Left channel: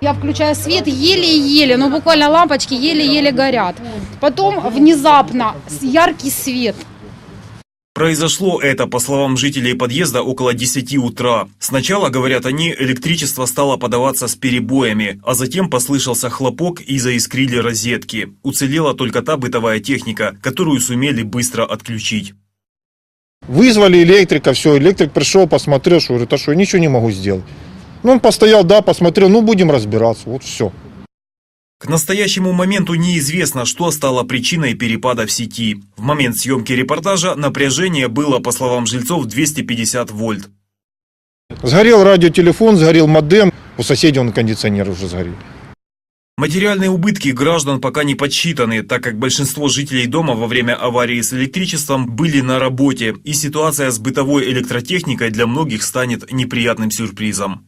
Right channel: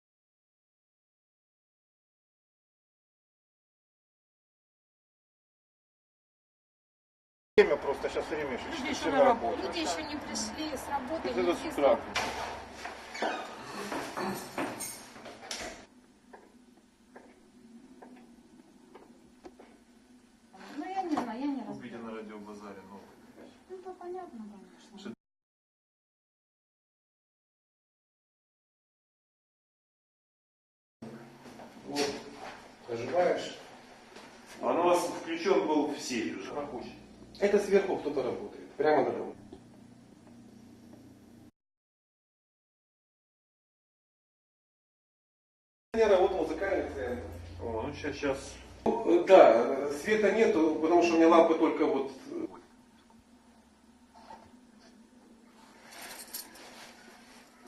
Я включаю свет еле-еле, ну буквально лампочки еле-еле горят. Потом внезапно яркий свет. Произошло это, по словам жителей подъезда, около 10 утра. Сначала, говорят они, электричество стало подаваться с перебоями, а затем послышался хлопок и заискрили розетки. Уцелела только та бытовая техника, которую сумели быстро отключить. Вызвали электрика, все, электрик пришел, посмотрел, что говорит, а что, ничего не могу сделать. Ну, он постоял, да, посмотрел, ну, будем разбираться, вот все. К настоящему моменту неизвестно, что стало причиной перепада в сети. В момент съемки репортажа напряжение было, по словам жильцов, 250 вольт. Сгорел радиотелефон, сгорел модем, у соседей он кондиционер уже сгорел. Материальные убытки граждан пока не подсчитаны, так как большинство жителей дома во время аварии с электричеством были на работе, и ситуация с бытовой электротехникой для многих станет неприятным сюрпризом.